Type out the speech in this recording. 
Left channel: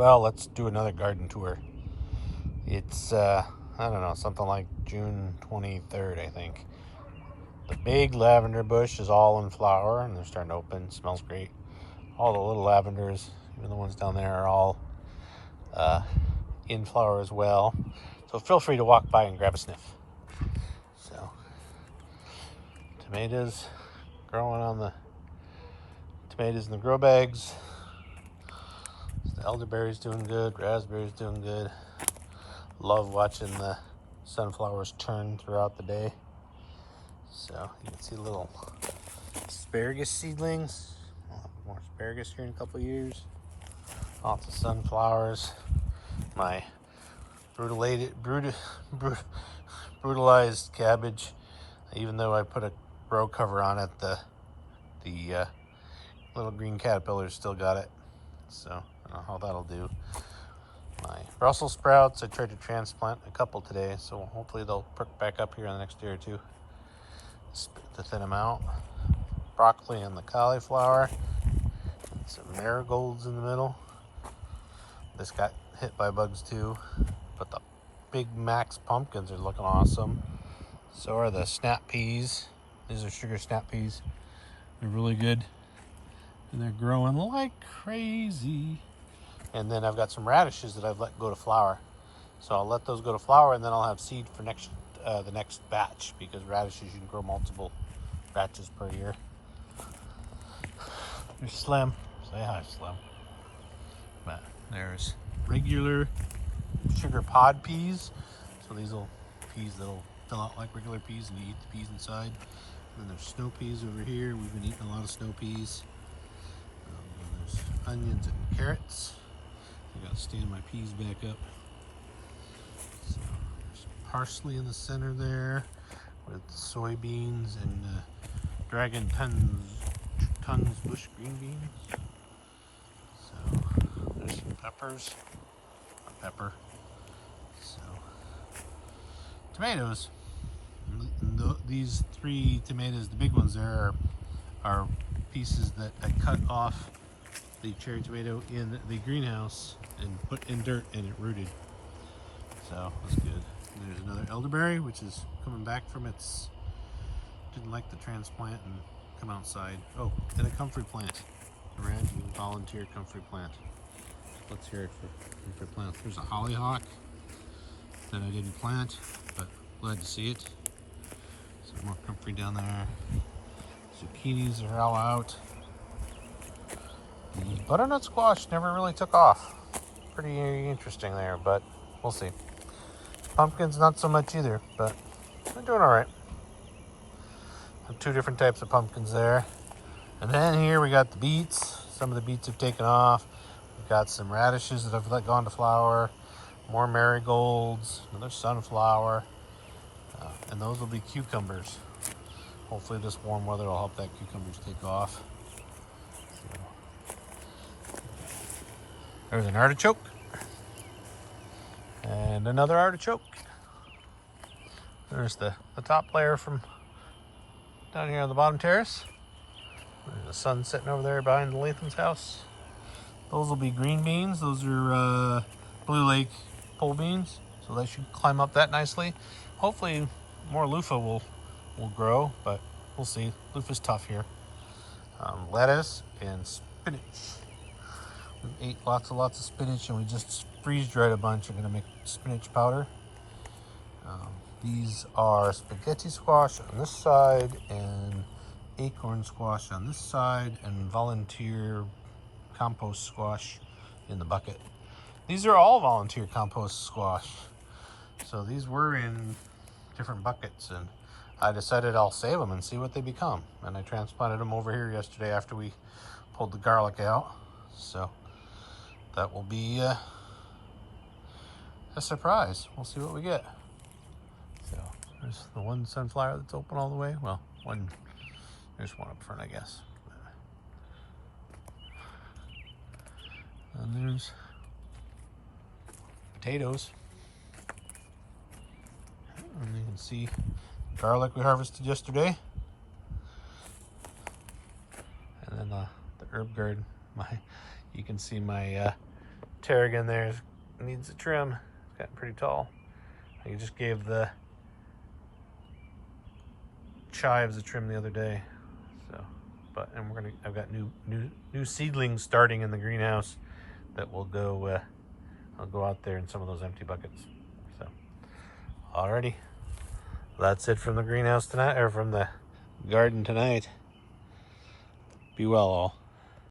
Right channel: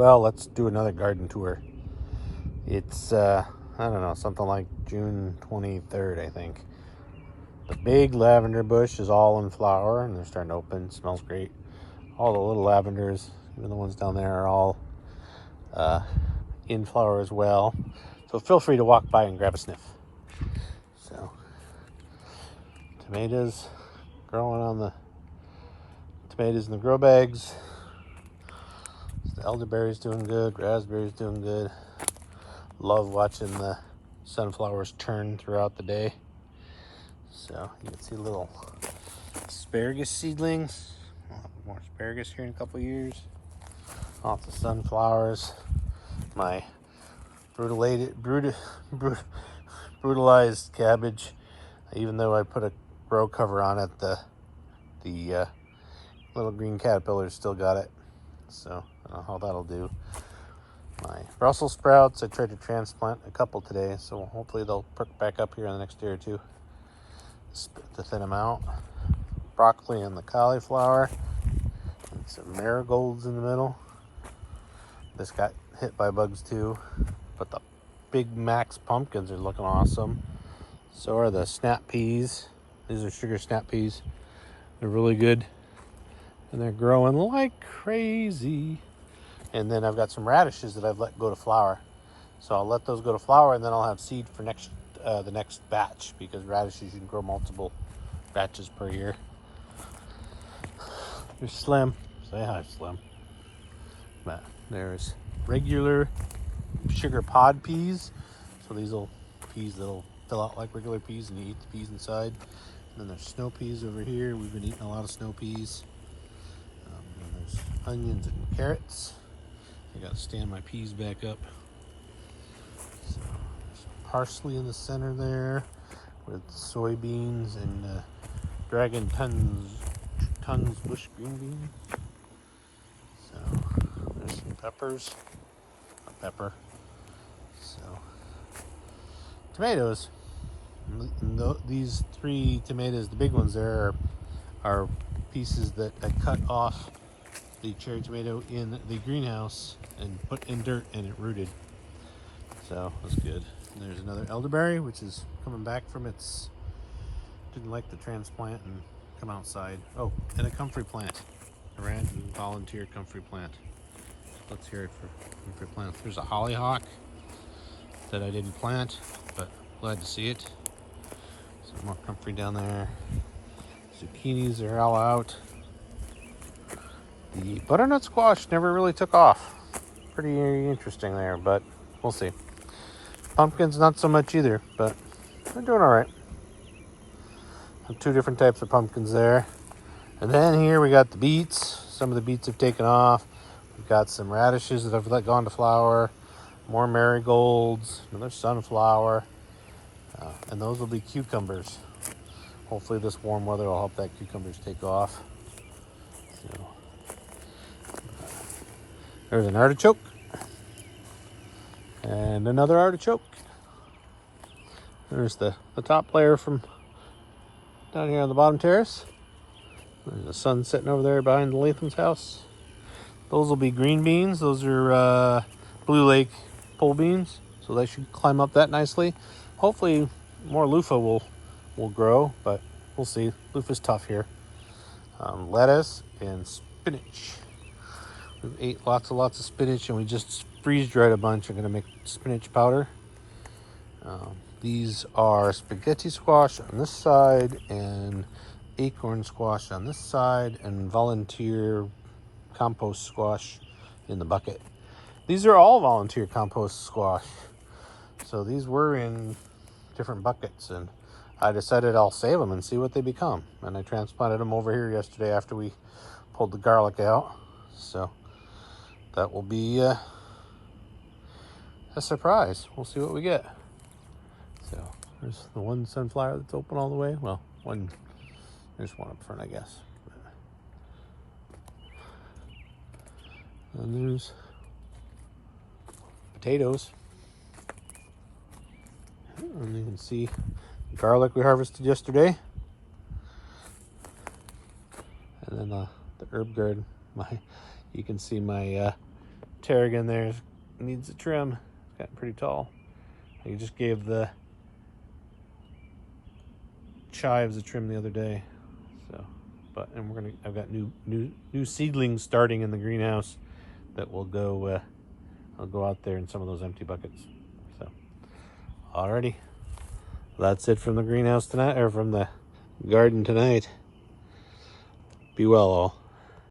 Well, let's do another garden tour. It's, I don't know, something like June 23rd, I think. The big lavender bush is all in flower and they're starting to open. It smells great. All the little lavenders, even the ones down there, are all in flower as well. So feel free to walk by and grab a sniff. So, tomatoes growing on the tomatoes in the grow bags. The elderberry's doing good, raspberry's doing good. Love watching the sunflowers turn throughout the day. So you can see little asparagus seedlings. More asparagus here in a couple of years. Lots of sunflowers. My brutalized cabbage. Even though I put a grow cover on it, the little green caterpillars still got it. So I don't know how that'll do. My Brussels sprouts, I tried to transplant a couple today, so hopefully they'll perk back up here in the next day or two to thin them out. Broccoli and the cauliflower. Some marigolds in the middle. This got hit by bugs too, but the Big Max pumpkins are looking awesome. So are the snap peas. These are sugar snap peas. They're really good and they're growing like crazy. And then I've got some radishes that I've let go to flower. So I'll let those go to flower and then I'll have seed for the next batch, because radishes you can grow multiple batches per year. There's Slim. Say hi, Slim. But there's regular sugar pod peas. So these little peas that'll fill out like regular peas and you eat the peas inside. And then there's snow peas over here. We've been eating a lot of snow peas. And there's onions and carrots. I gotta stand my peas back up. So there's parsley in the center there with soybeans and dragon tons bush green beans. So there's some pepper. So tomatoes. These 3 tomatoes, the big ones there, are pieces that I cut off the cherry tomato in the greenhouse and put in dirt, and it rooted. So it's good. And there's another elderberry, which is coming back from its, didn't like the transplant and come outside. Oh, and a comfrey plant. A red volunteer comfrey plant. Let's hear it for comfrey plants. There's a hollyhock that I didn't plant, but glad to see it. Some more comfrey down there. Zucchinis are all out. The butternut squash never really took off. Pretty interesting there, but we'll see. Pumpkins not so much either, but they're doing all right. 2 different types of pumpkins there. And then here we got the beets. Some of the beets have taken off. We've got some radishes that have let gone to flower. More marigolds. Another sunflower. And those will be cucumbers. Hopefully this warm weather will help that cucumbers take off. There's an artichoke. And another artichoke. There's the top layer from down here on the bottom terrace. And the sun setting over there behind the Latham's house. Those will be green beans. Those are Blue Lake pole beans. So they should climb up that nicely. Hopefully more loofah will grow, but we'll see. Loofah's tough here. Lettuce and spinach. We ate lots of spinach and we just freeze dried a bunch. I'm gonna make spinach powder. These are spaghetti squash on this side and acorn squash on this side, and volunteer compost squash in the bucket. These are all volunteer compost squash. So these were in different buckets, and I decided I'll save them and see what they become. And I transplanted them over here yesterday after we pulled the garlic out. So that will be a surprise. We'll see what we get. So there's the one sunflower that's open all the way. Well, there's one up front, I guess. And there's potatoes. And you can see garlic we harvested yesterday. And then the herb garden. You can see my Tarragon there needs a trim. It's gotten pretty tall. I just gave the chives a trim the other day. So, but and I've got new seedlings starting in the greenhouse that will go. I'll go out there in some of those empty buckets. So, alrighty, that's it from the greenhouse tonight, or from the garden tonight. Be well, all.